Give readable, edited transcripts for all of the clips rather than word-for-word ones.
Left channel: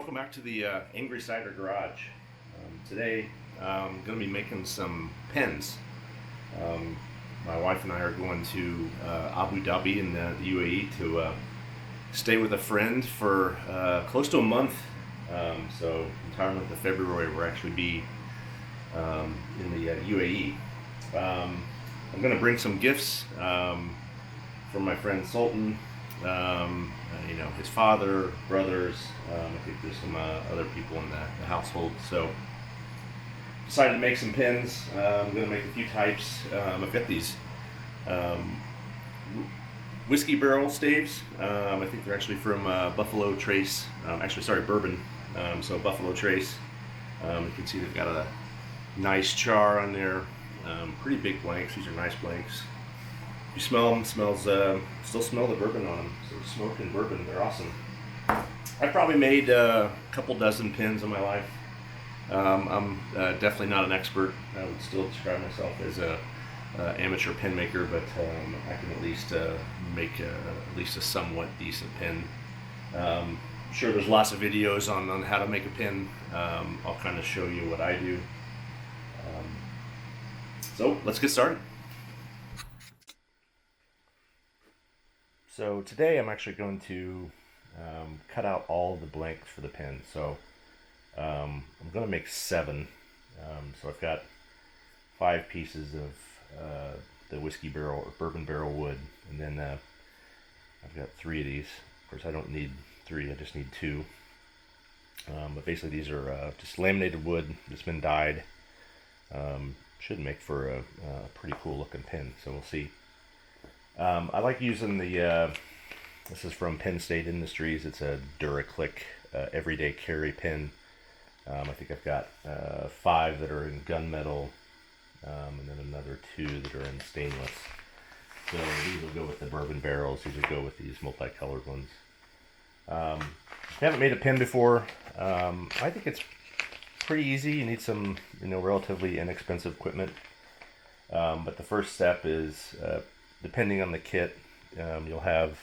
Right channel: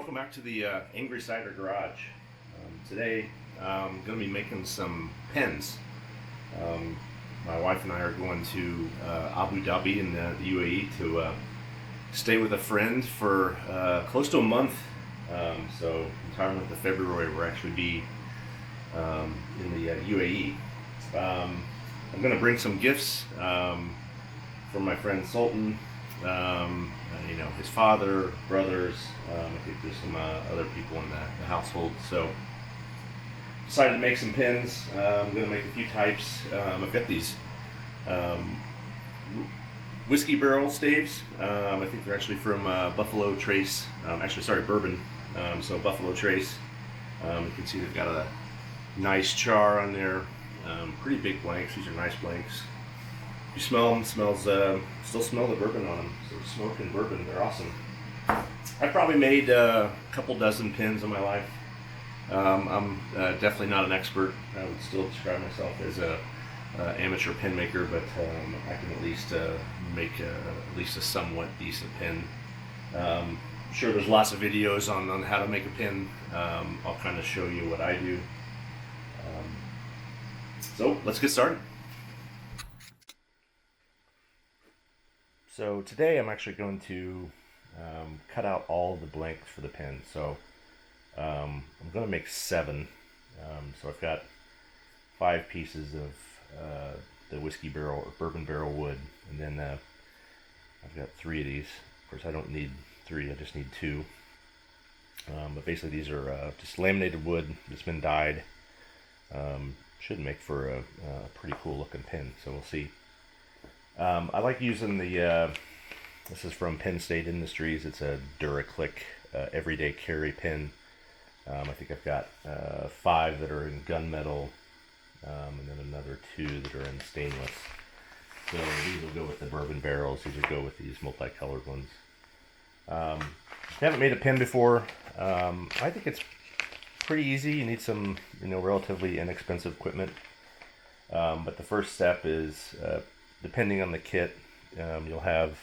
welcome back to the Angry Cider Garage. Today I'm going to be making some pens. My wife and I are going to Abu Dhabi in the UAE to stay with a friend for close to a month. So entire month of February we'll actually be in the UAE. I'm going to bring some gifts from my friend Sultan. His father, brothers, I think there's some other people in the household. So decided to make some pins. I'm going to make a few types. I've got these whiskey barrel staves. I think they're actually from Buffalo Trace. Bourbon. So Buffalo Trace. You can see they've got a nice char on there. Pretty big blanks. These are nice blanks. You smell them, still smell the bourbon on them. So smoking bourbon, they're awesome. I've probably made a couple dozen pins in my life. I'm definitely not an expert. I would still describe myself as a amateur pin maker, but I can at least make at least a somewhat decent pin. I'm sure there's lots of videos on how to make a pin. I'll kind of show you what I do. So let's get started. So today I'm actually going to cut out all the blanks for the pen. So I'm going to make 7. So I've got 5 pieces of the whiskey barrel or bourbon barrel wood, and then I've got 3 of these. Of course, I don't need 3; I just need 2. But basically, these are just laminated wood that's been dyed. Should make for a pretty cool looking pin. So we'll see. I like using the, this is from Penn State Industries. It's a DuraClick everyday carry pin. I think I've got 5 that are in gunmetal, and then another 2 that are in stainless. So these will go with the bourbon barrels. These will go with these multicolored ones. If you haven't made a pin before, I think it's pretty easy. You need some, relatively inexpensive equipment. But the first step is, depending on the kit, you'll have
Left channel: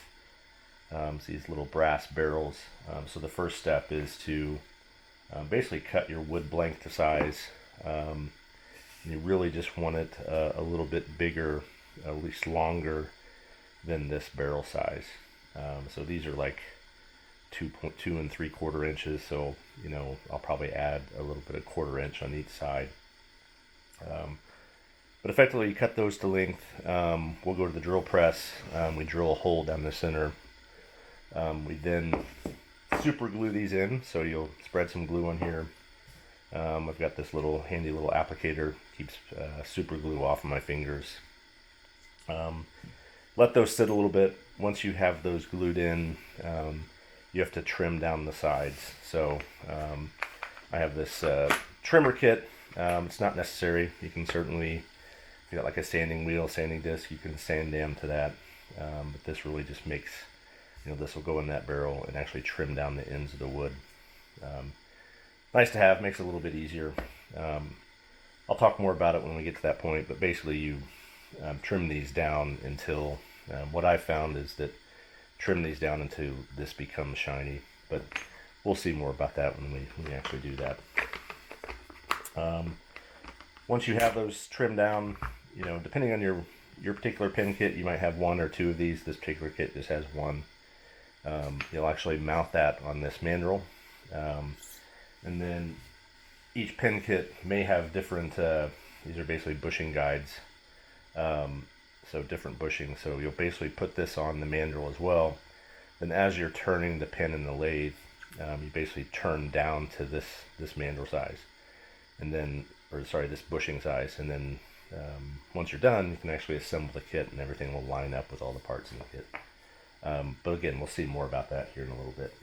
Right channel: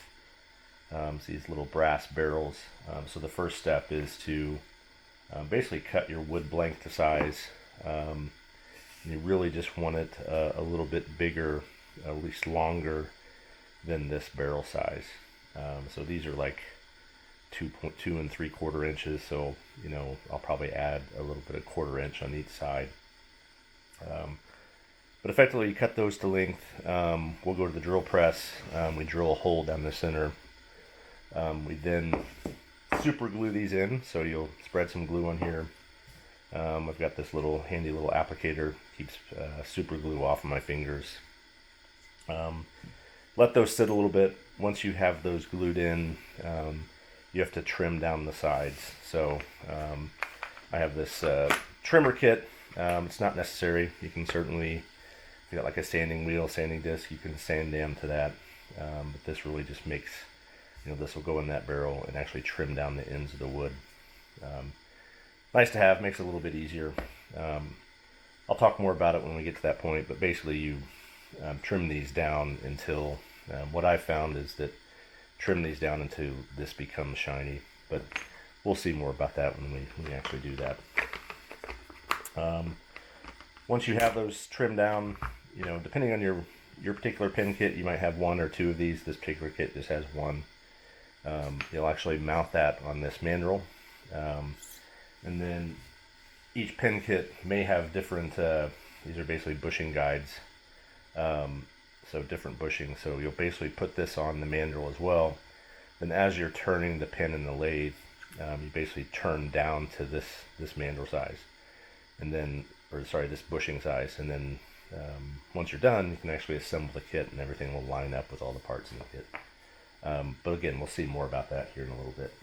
these little brass barrels. So the first step is to basically cut your wood blank to size. You really just want it a little bit bigger, at least longer than this barrel size. So these are like 2 3/4 inches. So I'll probably add a little bit of 1/4 inch on each side. But effectively, you cut those to length. We'll go to the drill press. We drill a hole down the center. We then super glue these in. So you'll spread some glue on here. I've got this handy little applicator. Keeps super glue off of my fingers. Let those sit a little bit. Once you have those glued in, you have to trim down the sides. So I have this trimmer kit. It's not necessary. You can certainly, if you got like a sanding wheel, sanding disc, you can sand down to that. But this really just makes, this will go in that barrel and actually trim down the ends of the wood. Nice to have, makes it a little bit easier. I'll talk more about it when we get to that point, but basically you trim these down until, what I've found is that trim these down until this becomes shiny, but we'll see more about that when we actually do that. Once you have those trimmed down, depending on your particular pin kit, you might have 1 or 2 of these. This particular kit just has 1. You'll actually mount that on this mandrel, and then each pin kit may have different, these are basically bushing guides, so different bushing. So you'll basically put this on the mandrel as well. Then as you're turning the pin in the lathe, you basically turn down to this mandrel size, and then, this bushing size, and then once you're done, you can actually assemble the kit, and everything will line up with all the parts in the kit. But again, we'll see more about that here in a little bit.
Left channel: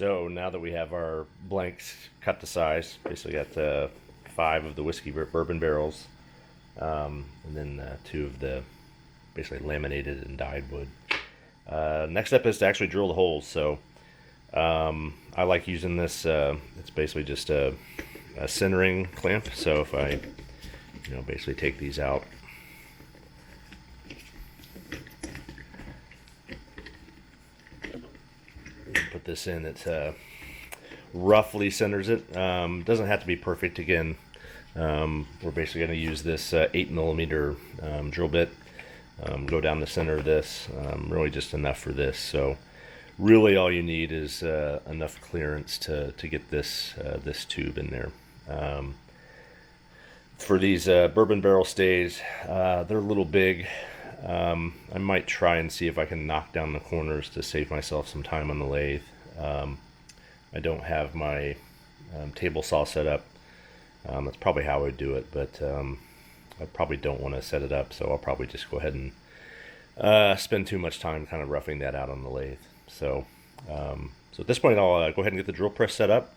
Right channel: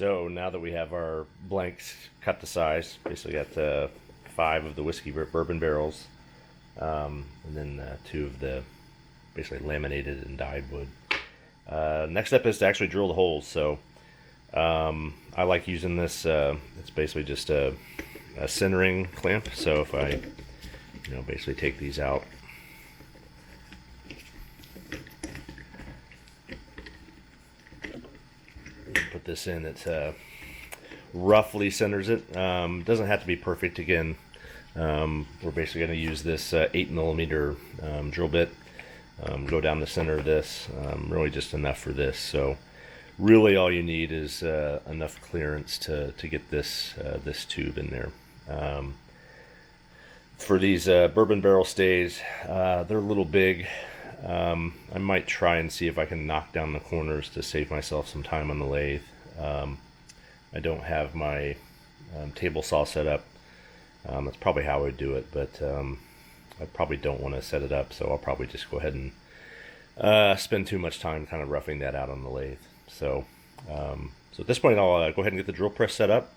So now that we have our blanks cut to size, basically got 5 of the whiskey bourbon barrels, and then 2 of the basically laminated and dyed wood. Next step is to actually drill the holes. So I like using this. It's basically just a centering clamp. So if I, basically take these out, put this in, it roughly centers it. Doesn't have to be perfect. Again, we're basically going to use this 8mm drill bit. Go down the center of this, really just enough for this. So really all you need is enough clearance to get this this tube in there. For these bourbon barrel stays, they're a little big. I might try and see if I can knock down the corners to save myself some time on the lathe. I don't have my table saw set up. That's probably how I would do it, but I probably don't want to set it up, so I'll probably just go ahead and spend too much time kind of roughing that out on the lathe. So at this point, I'll go ahead and get the drill press set up,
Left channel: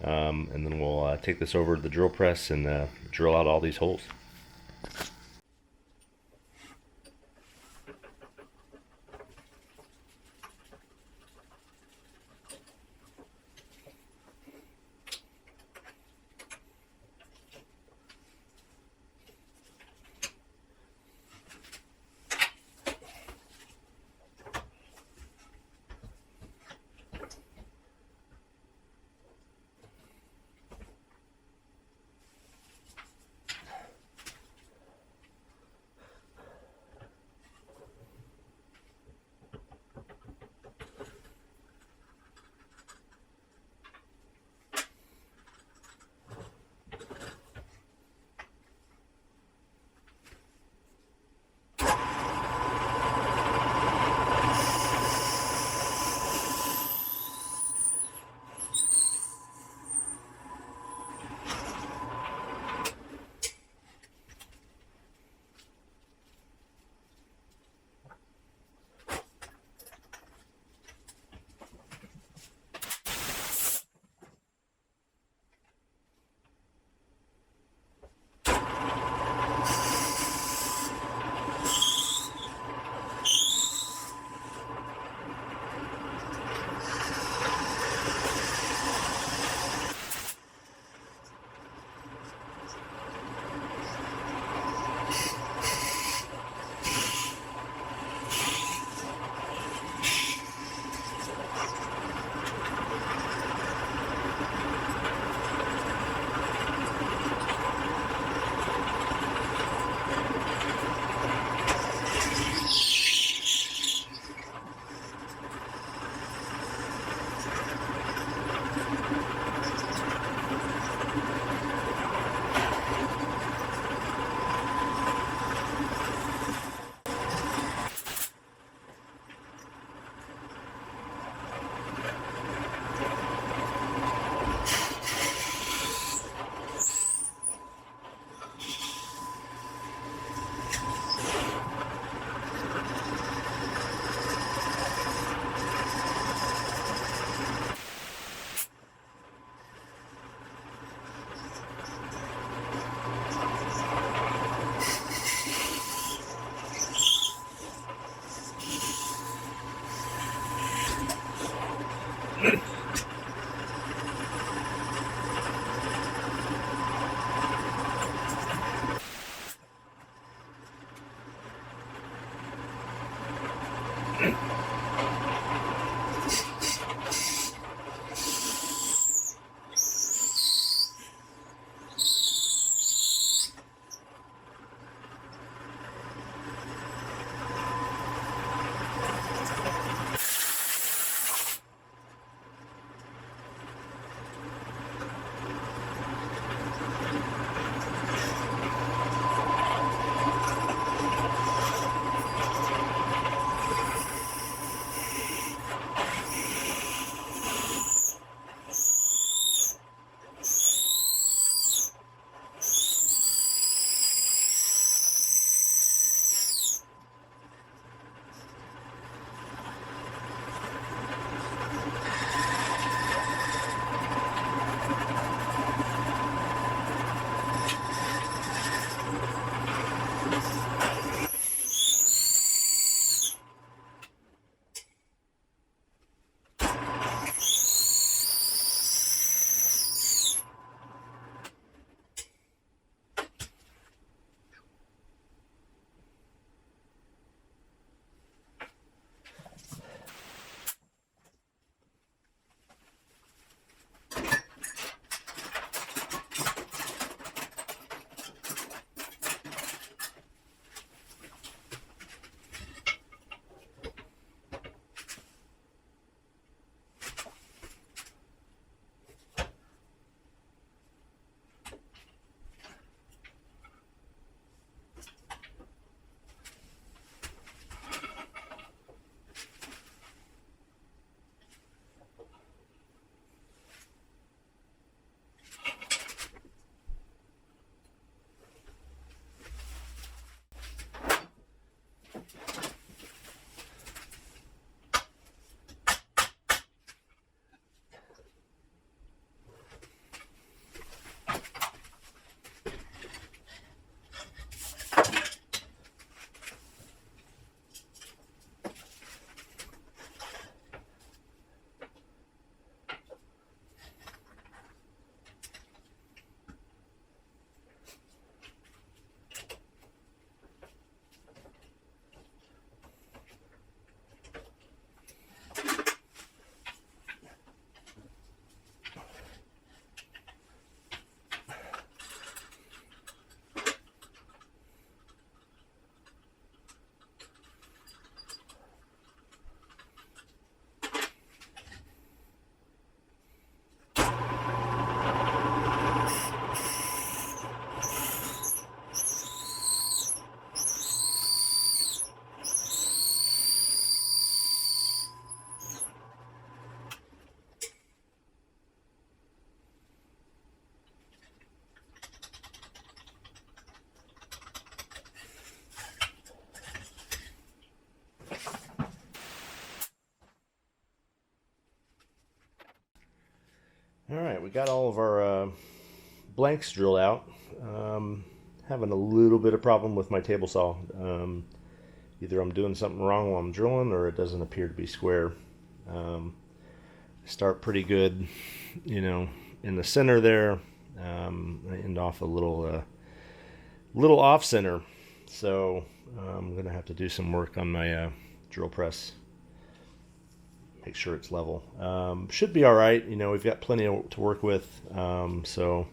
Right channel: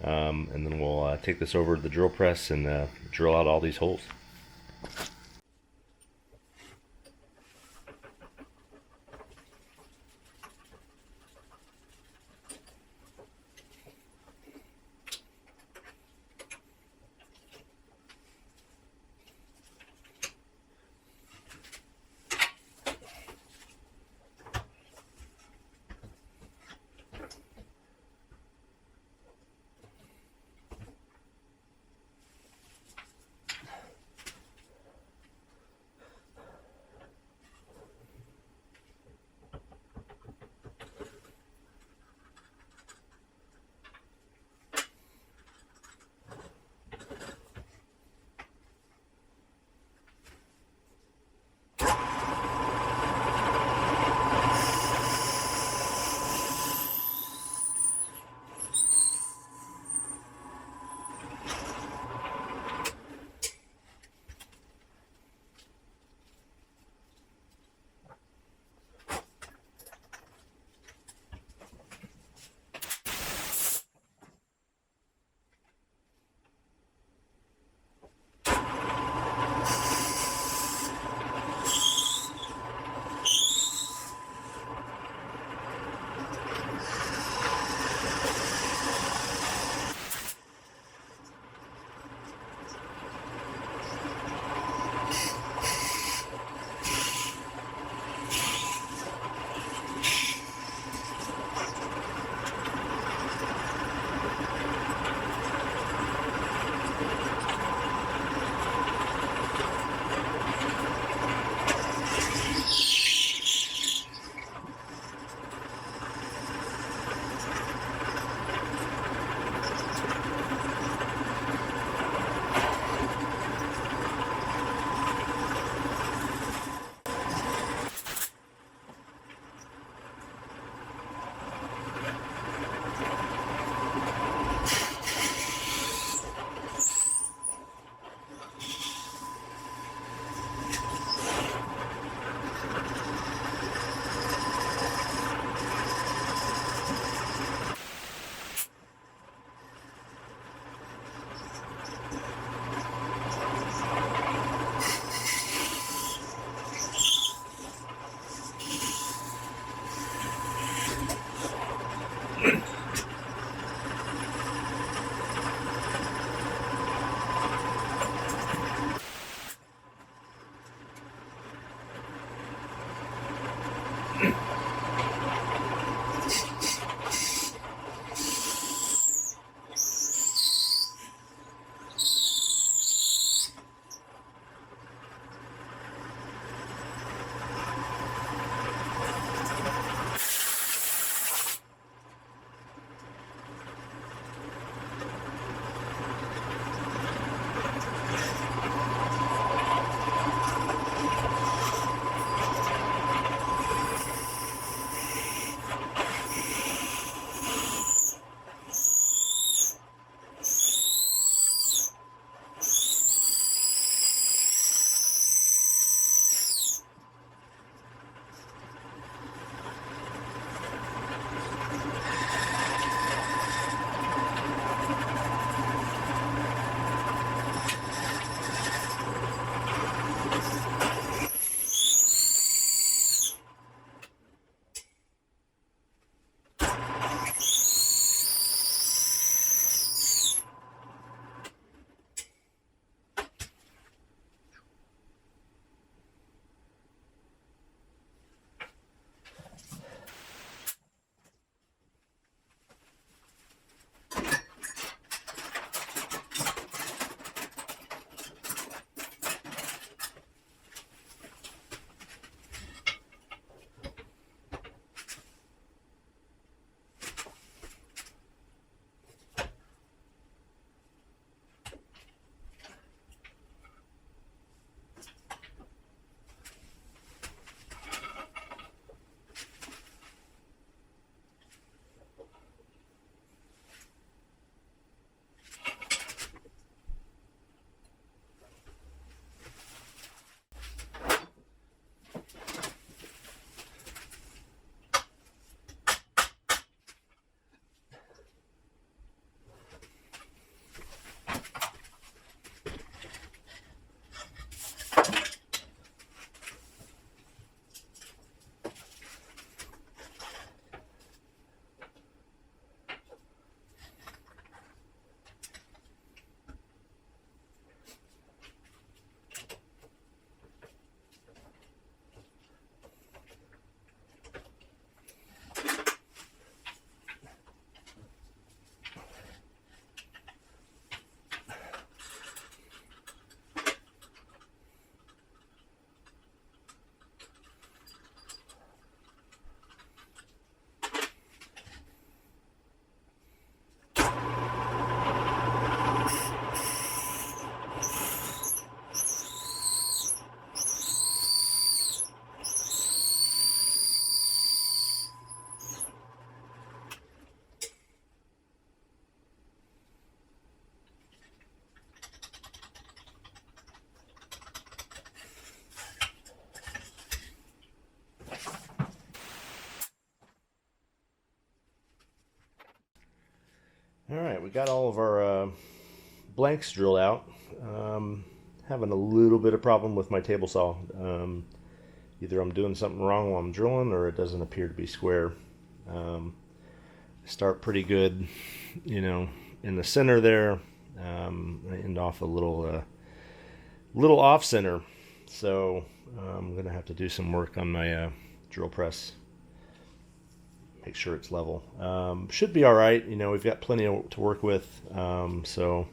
and then we'll take this over to the drill press and drill out all these holes. All right, we got all of our blanks drilled out. Having a little bit of problem with my table saw. Either I'm doing something wrong while I'm drilling, or it doesn't appear to be square. Start pretty good, you know, in the center there. I end off a little off center, so I'm gonna have to do some work on my drill press. Make sure it's level. Should be all right. You know, we've got plenty to work with. So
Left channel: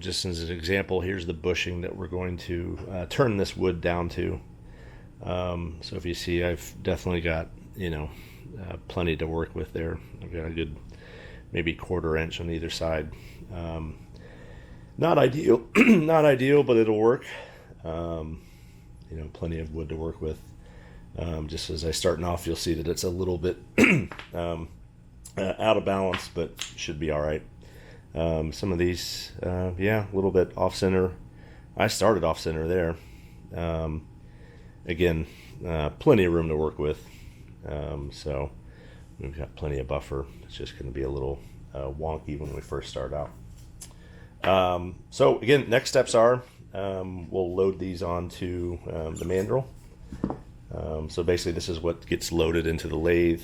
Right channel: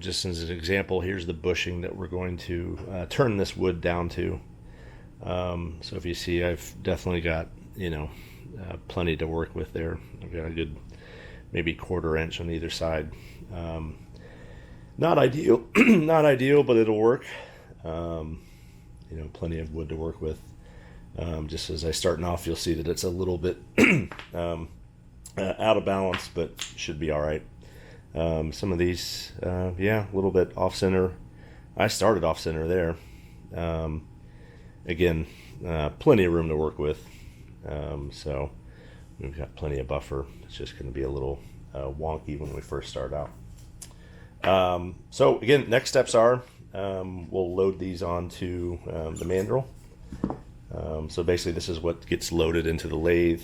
just as an example, here's the bushing that we're going to turn this wood down to. So if you see, I've definitely got, you know, plenty to work with there. I've got a good maybe 1/4 inch on either side. Not ideal, not ideal, but it'll work. You know, plenty of wood to work with. Just as I starting off, you'll see that it's a little bit out of balance, but should be all right. Some of these, yeah, a little bit off center. I started off center there. Again, plenty of room to work with. So we've got plenty of buffer. It's just going to be a little wonky when we first start out. So again, next steps are we'll load these onto the mandrel. So basically this is what gets loaded into the lathe.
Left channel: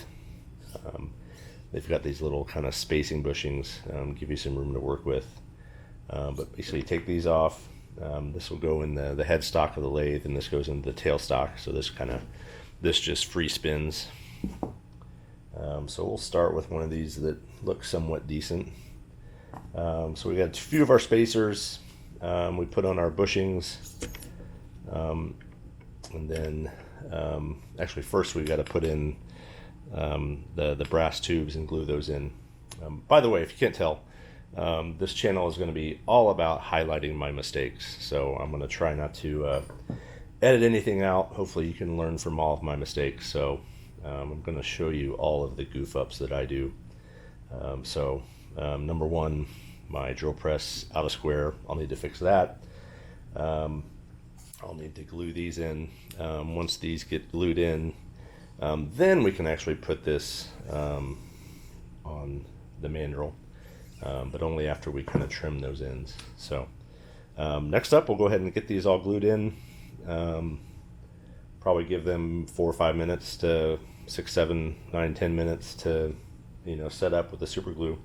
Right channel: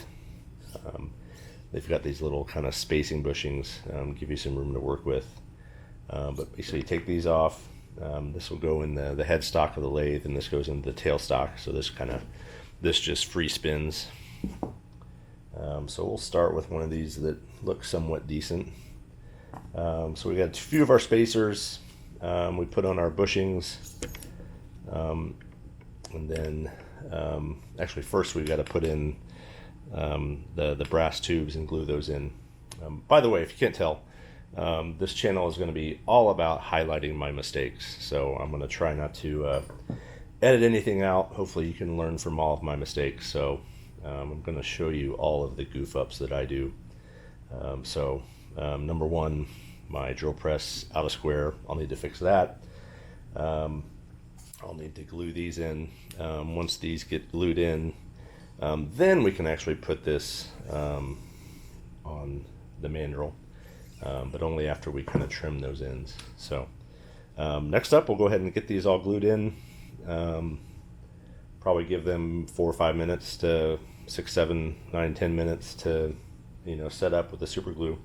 They've got these little kind of spacing bushings, give you some room to work with. But basically you take these off. This will go in the headstock of the lathe, and this goes into the tailstock. So this just free spins. So we'll start with one of these that looks somewhat decent. So we got a few of our spacers. We put on our bushings, and then actually first we've got to put in the brass tubes and glue those in. By the way, if you can't tell, this channel is going to be all about highlighting my mistakes. So I'm going to try not to edit anything out. Hopefully you can learn from all of my mistakes. So I'm going to show you all of the goof ups that I do. Number one, my drill press out of square. I'll need to fix that. I'll need to glue these in. Once these get glued in, then we can actually put this on the mandrel, but only after we kind of trim those ends. So next up, we'll go ahead and get these all glued in. Probably give them 4 or 5 minutes to 6, 7, 9, 10 minutes to, you know, set up with the super glue.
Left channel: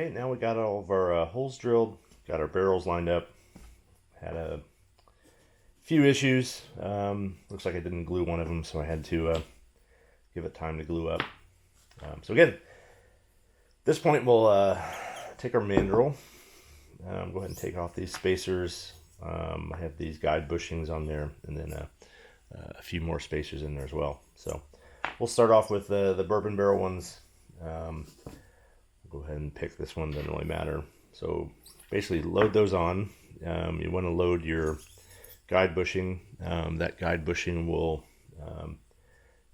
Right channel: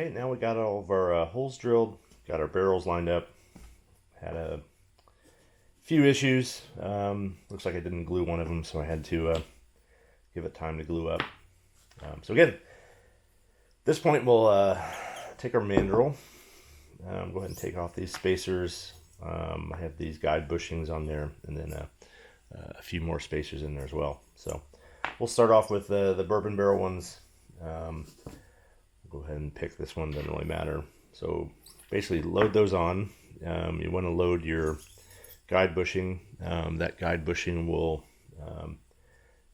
Okay, now we got all of our holes drilled, got our barrels lined up. Had a few issues. Looks like I didn't glue one of them, so I had to give it time to glue up. So again, at this point we'll take our mandrel. Go ahead and take off these spacers. I have these guide bushings on there, and then a few more spacers in there as well. So we'll start off with the bourbon barrel ones. We'll go ahead and pick this one, doesn't really matter. So basically load those on. You want to load your guide bushing. That guide bushing will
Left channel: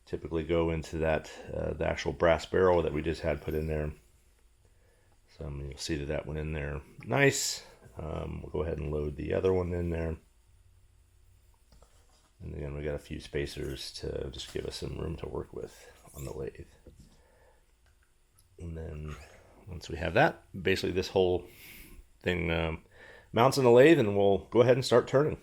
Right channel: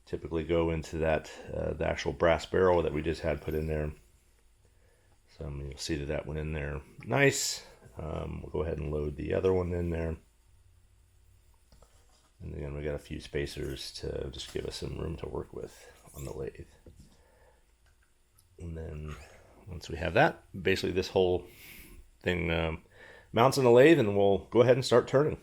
typically go into that the actual brass barrel that we just had put in there. So you'll see that went in there nice. We'll go ahead and load the other one in there. And again, we got a few spacers to just give us some room to work with on the lathe. And then once we have that, basically this whole thing mounts on the lathe, and we'll go ahead and start turning.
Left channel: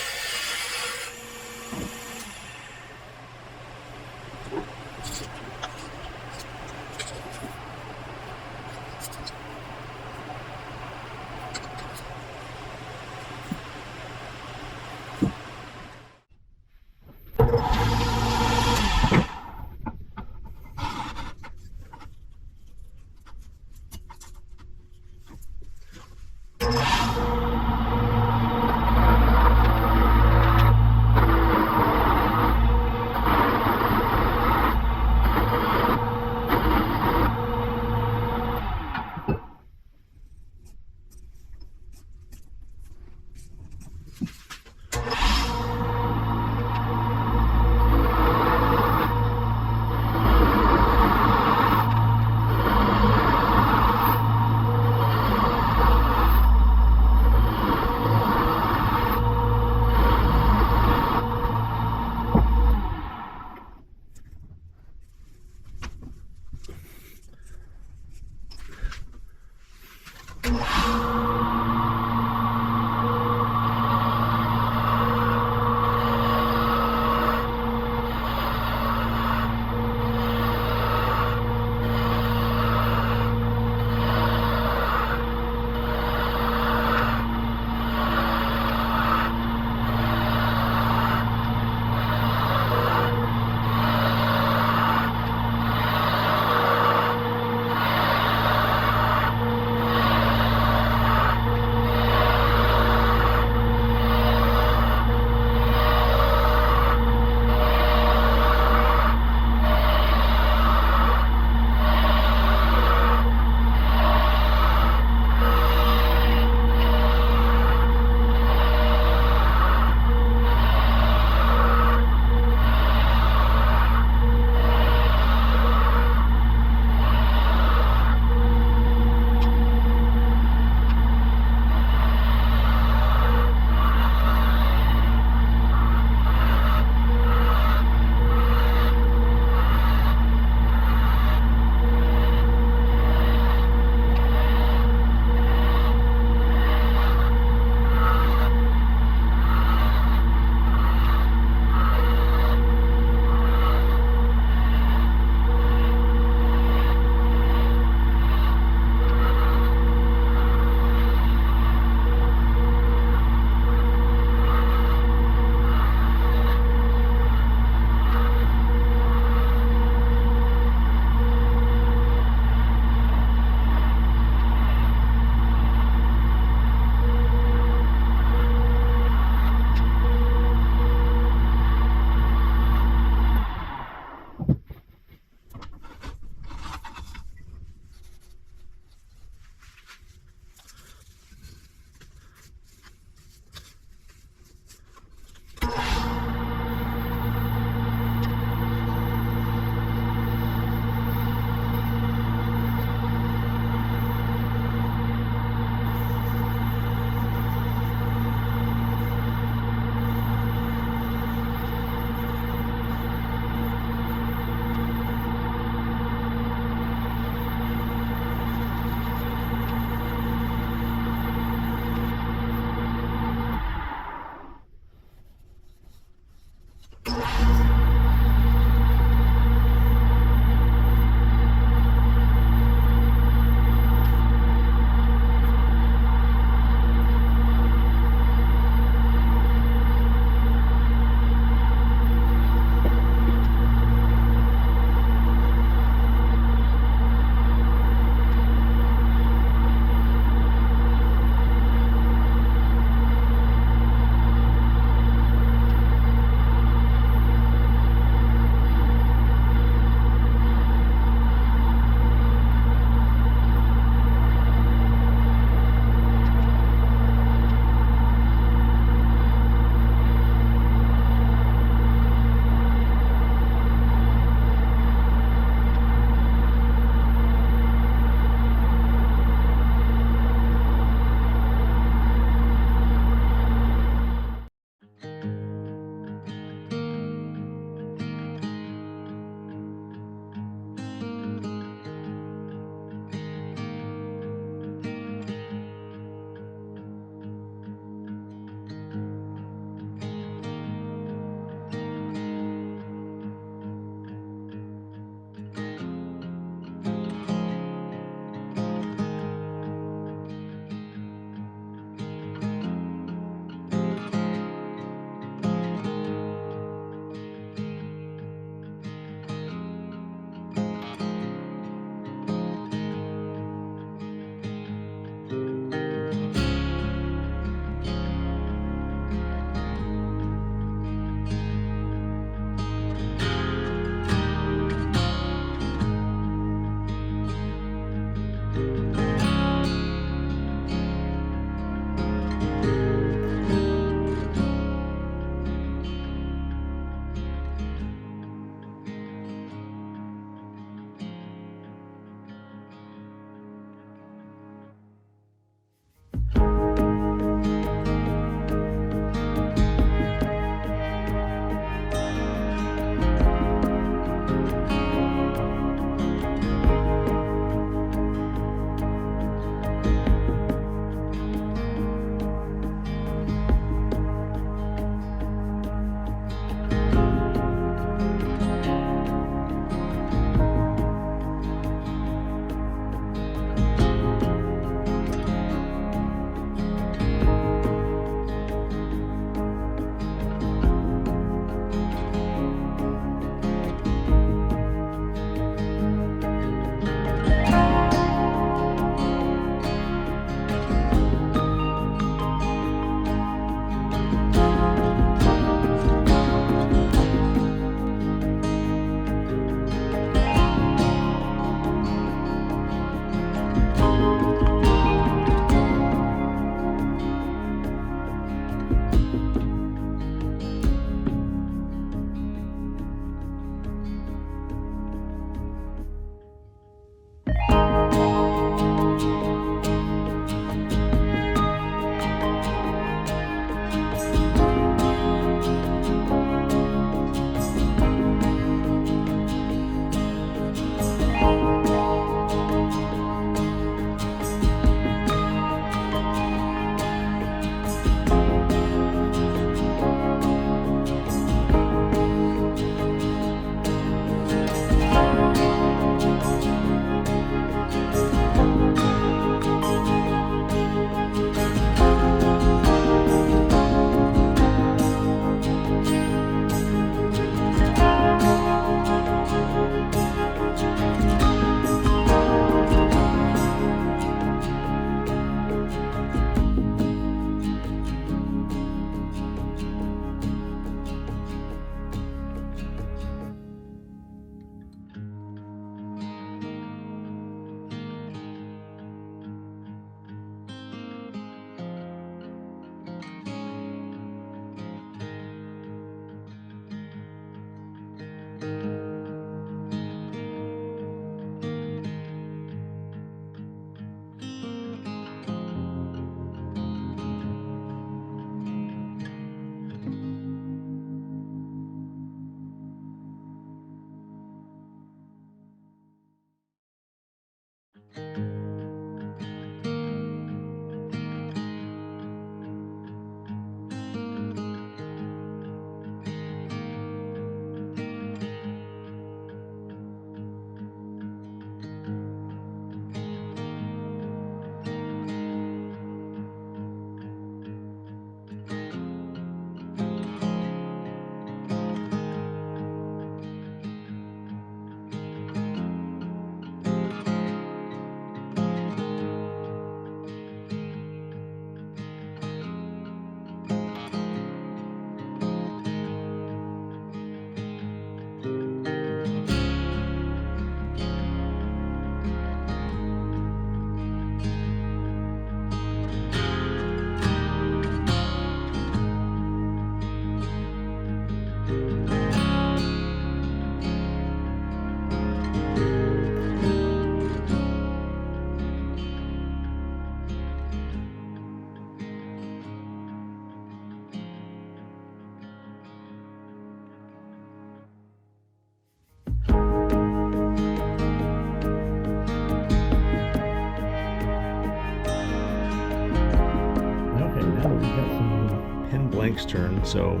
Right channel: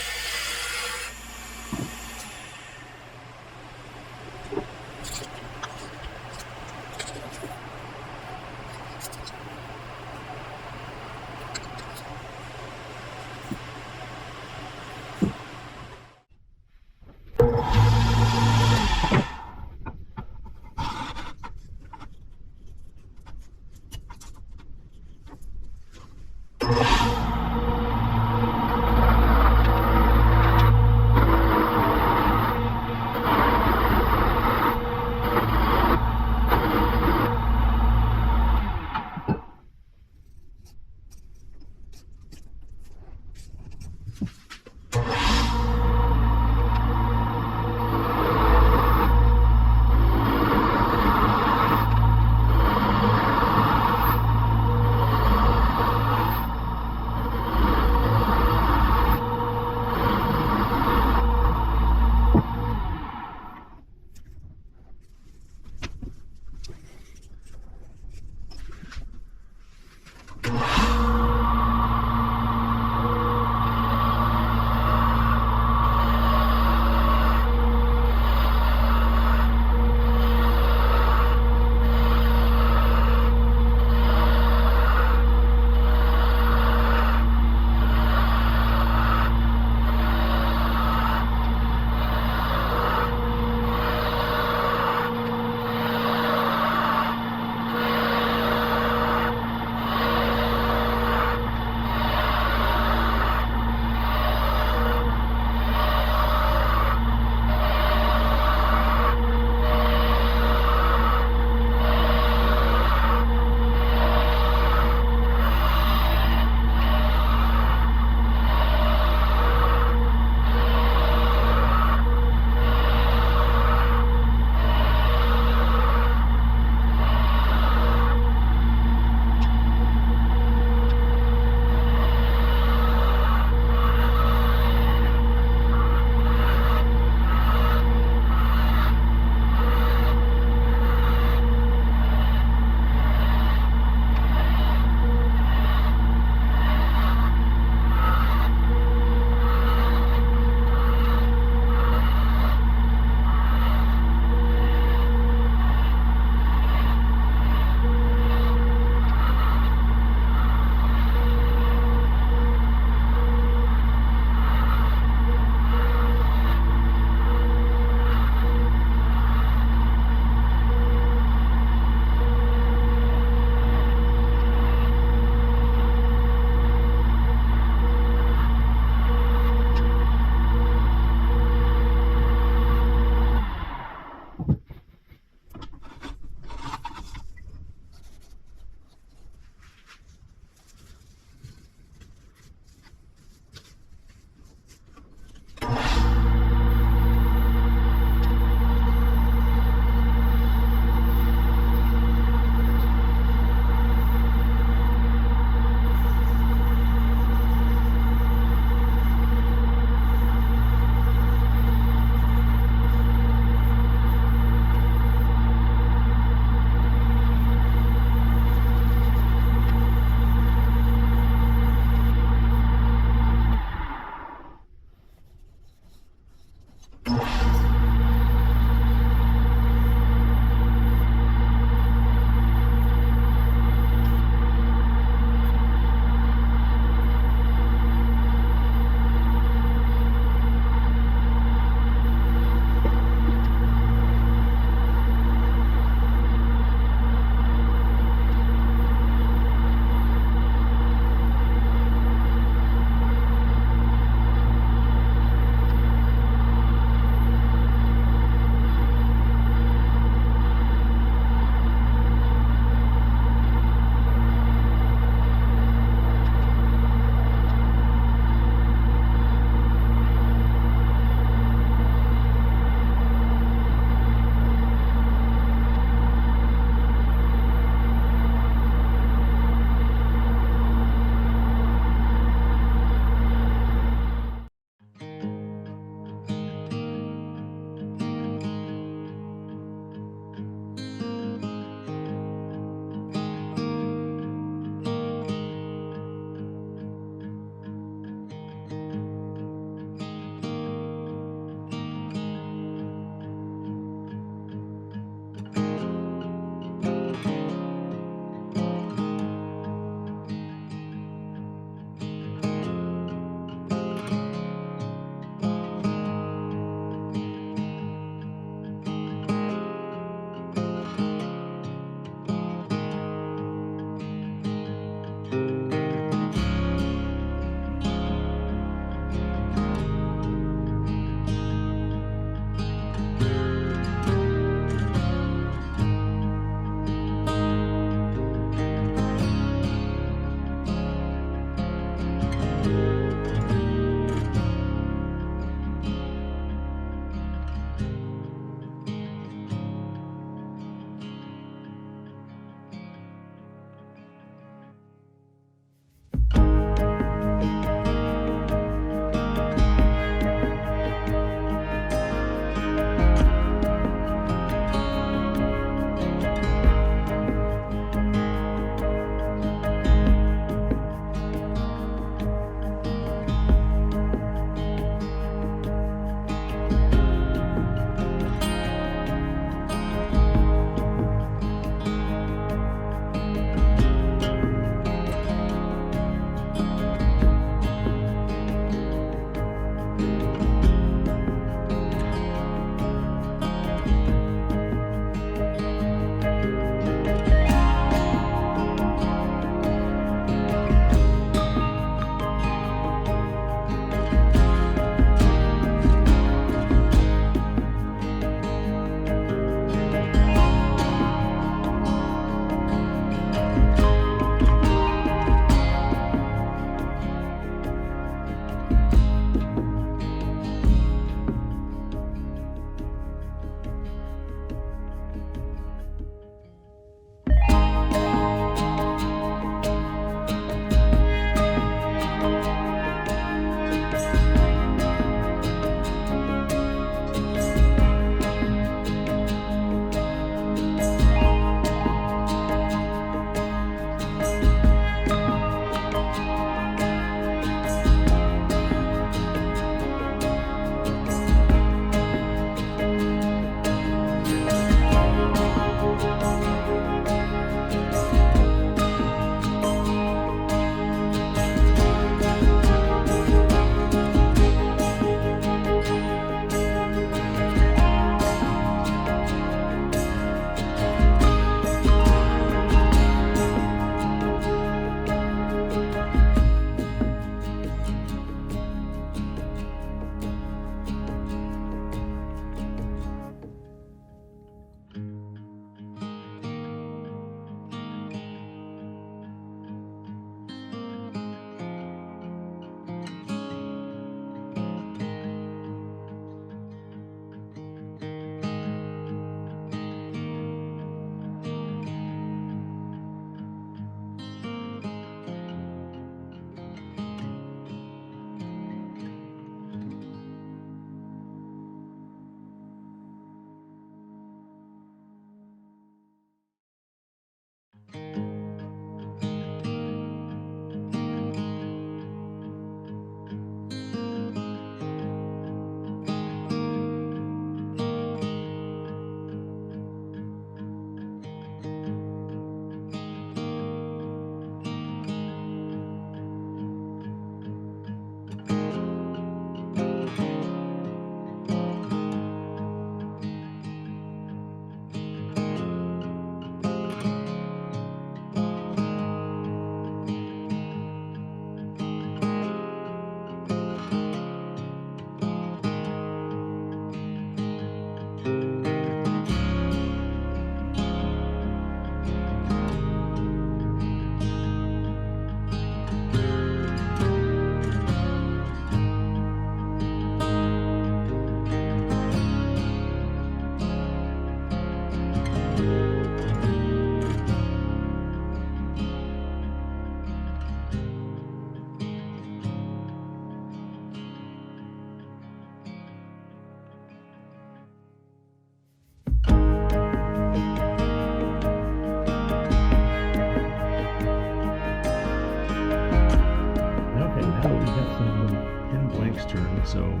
turned. So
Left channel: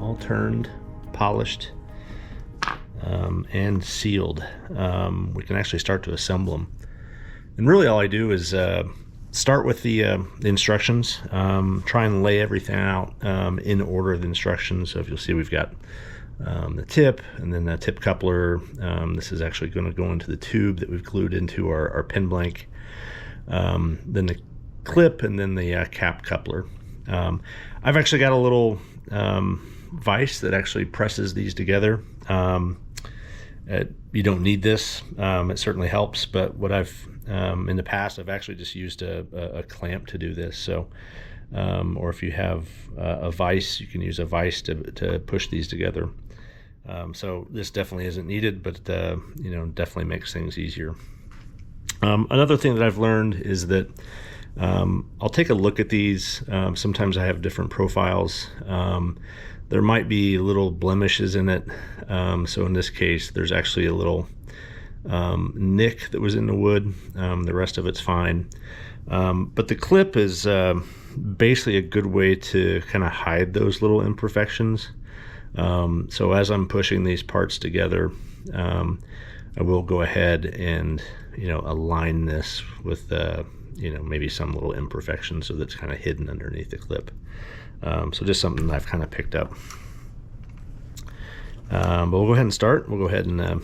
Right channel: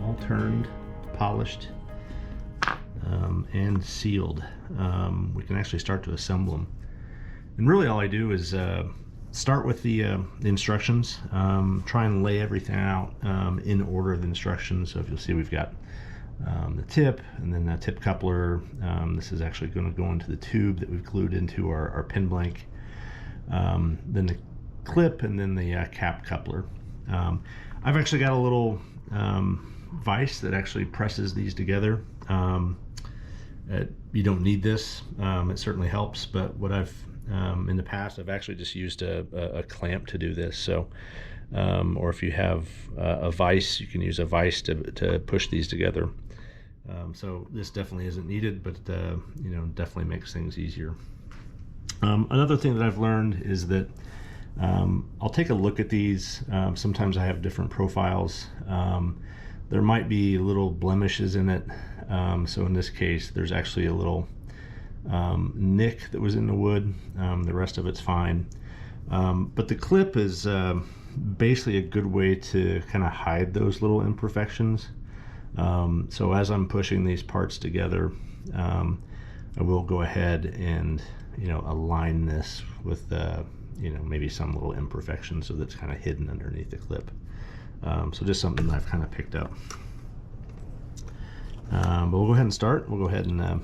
all turned, polished, and sealed. We can actually start to assemble them. And really all I do is start with the instructions, try and lay everything out in order of the instructions. So if you'll see, we've got the tip, and then the tip coupler. This is actually going to go into the tube that we've glued into our pin blank. Then the clip, and then the cap coupler. I've actually got a little vise that actually presses these together. You don't need this. It certainly helps, but what I've in the past, I've actually just used a clamp to do this. So or if you have a vise, you can use a vise to push these together. So this definitely isn't needed, but you know, definitely makes things easier. Another thing that I've learned is that I'll take a look at these. Sometimes I have different profiles. There might be little blemishes in it. So in this case, there's actually a little nick that was in the wood. The rest of it's fine. But the clip is basically a good way to kind of hide those little imperfections. So as I'm pushing these parts together, I will go ahead and, you know, align this with you know, maybe some little imperfection, so that's kind of hidden underneath the clip. So just something that I've kind of picked up. But we'll go ahead and start. We'll go ahead and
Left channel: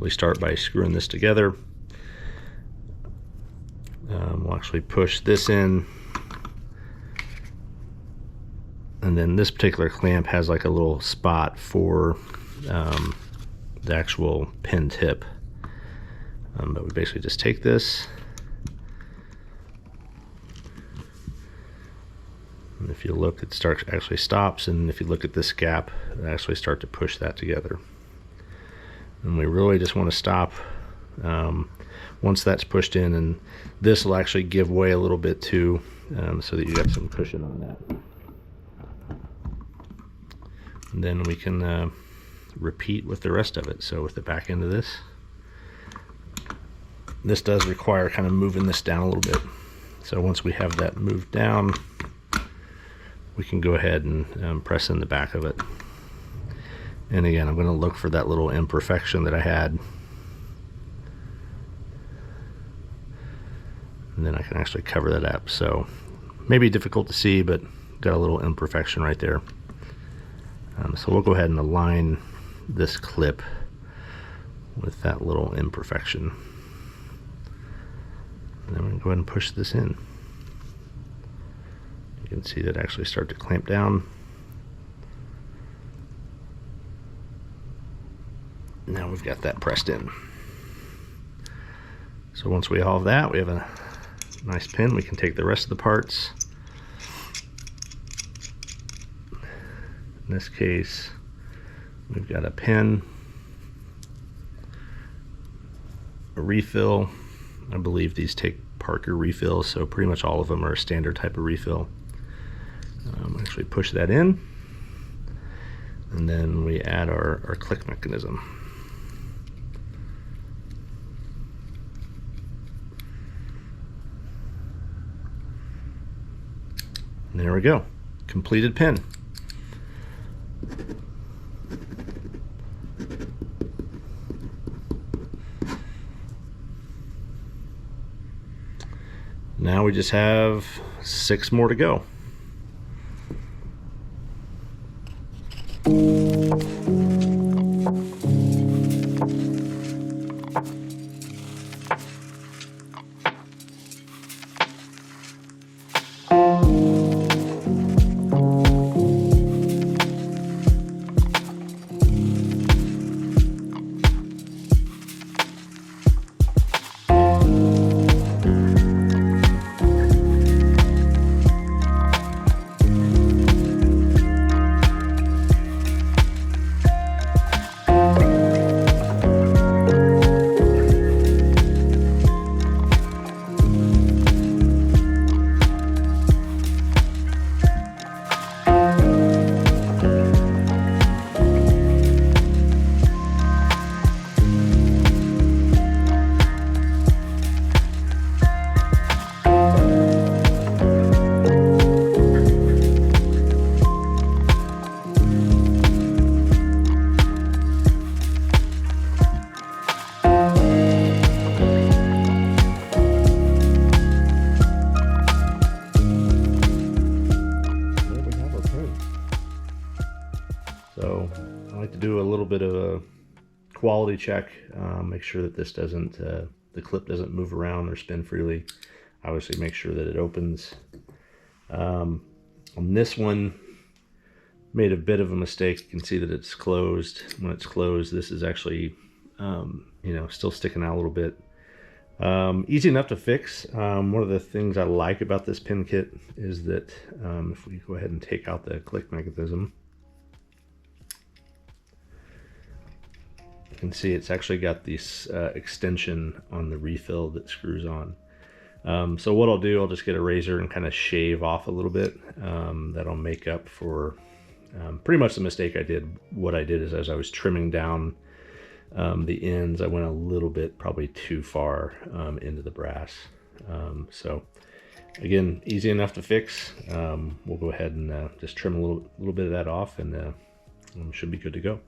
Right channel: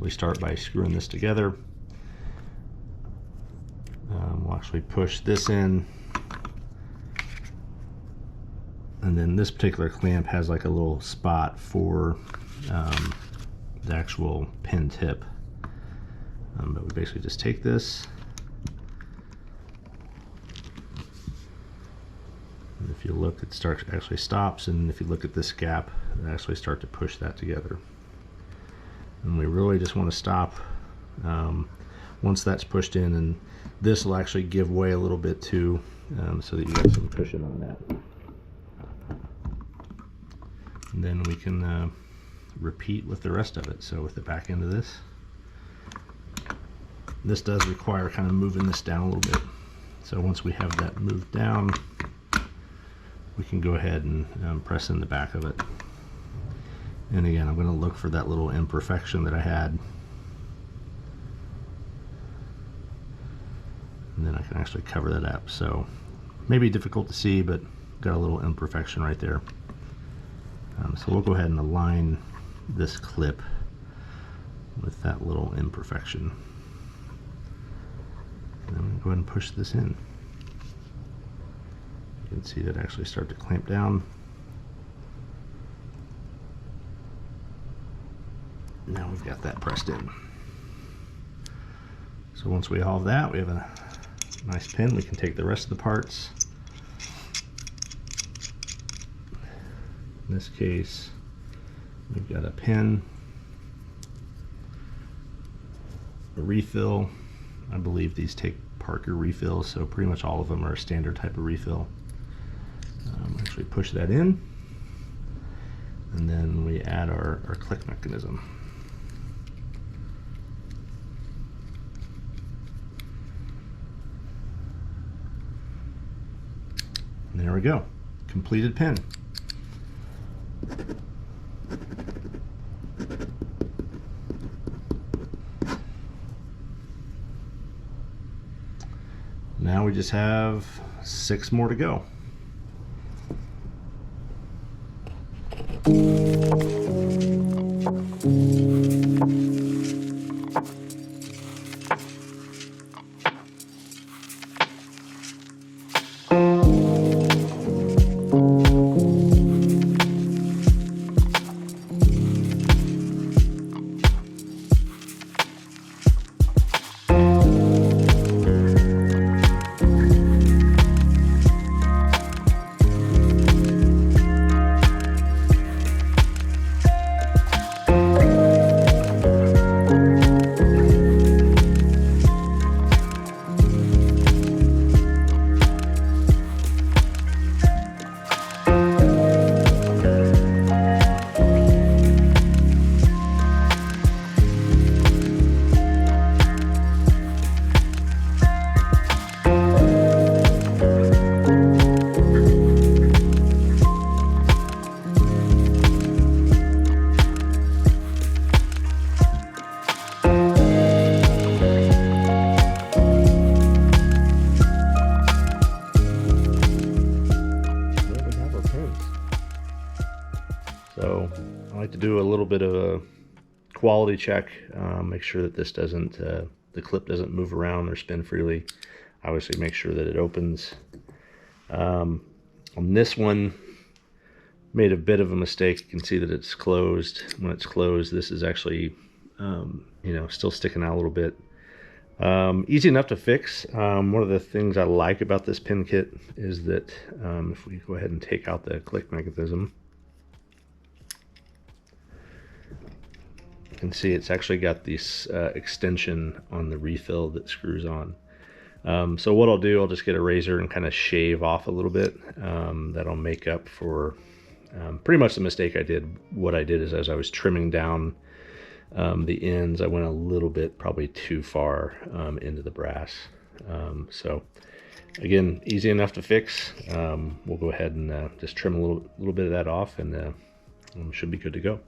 we start by screwing this together. We'll actually push this in, and then this particular clamp has like a little spot for the actual pin tip. But we basically just take this, and if you look, it actually stops, and if you look at this gap, it actually start to push that together. And we really just want to stop once that's pushed in, and this will actually give way a little bit too, so that you got some cushion on that. And then we can repeat with the rest of it. So with the back end of this does require kind of moving this down a little bit. So once we have that moved down, we can go ahead and press in the back of it. And again, I'm going to look for that little imperfection that I had. And then I can actually cover that up. So maybe difficult to see, but got a little imperfection right there. So we'll go ahead and align this clip with that little imperfection. And then we're going to go ahead and push this in. You can see that actually start to clamp down. Now we've got that pressed in. So once we have that, we have a nice pin. We can take the rest of the parts. In this case, we've got a pin, a refill. I believe these take Parker refills, so pretty much all of them are a standard type of refill. Actually push that in, and then we add our click mechanism. And there we go, completed pin. Now we just have 6 more to go. So I like to do a little bit of a quality check, make sure that this doesn't, the clip doesn't move around or spin freely. Obviously make sure that it opens. On this one, made a bit of a mistake. You can see that it's closed. When it's closed, this is actually, you know, still sticking out a little bit. Easy enough to fix. One of the things I like about this pin kit is that if we go ahead and take out the click mechanism, you can see it's actually got this extension on the refill that screws on. So what I'll do, I'll just get a razor and kind of shave off a little bit. That'll make up for pretty much the mistake I did. What I did is, as I was trimming down the ends, I went a little bit probably too far into the brass. So again, easy enough to fix. We'll go ahead and just trim a little bit of that off, and should be good to go.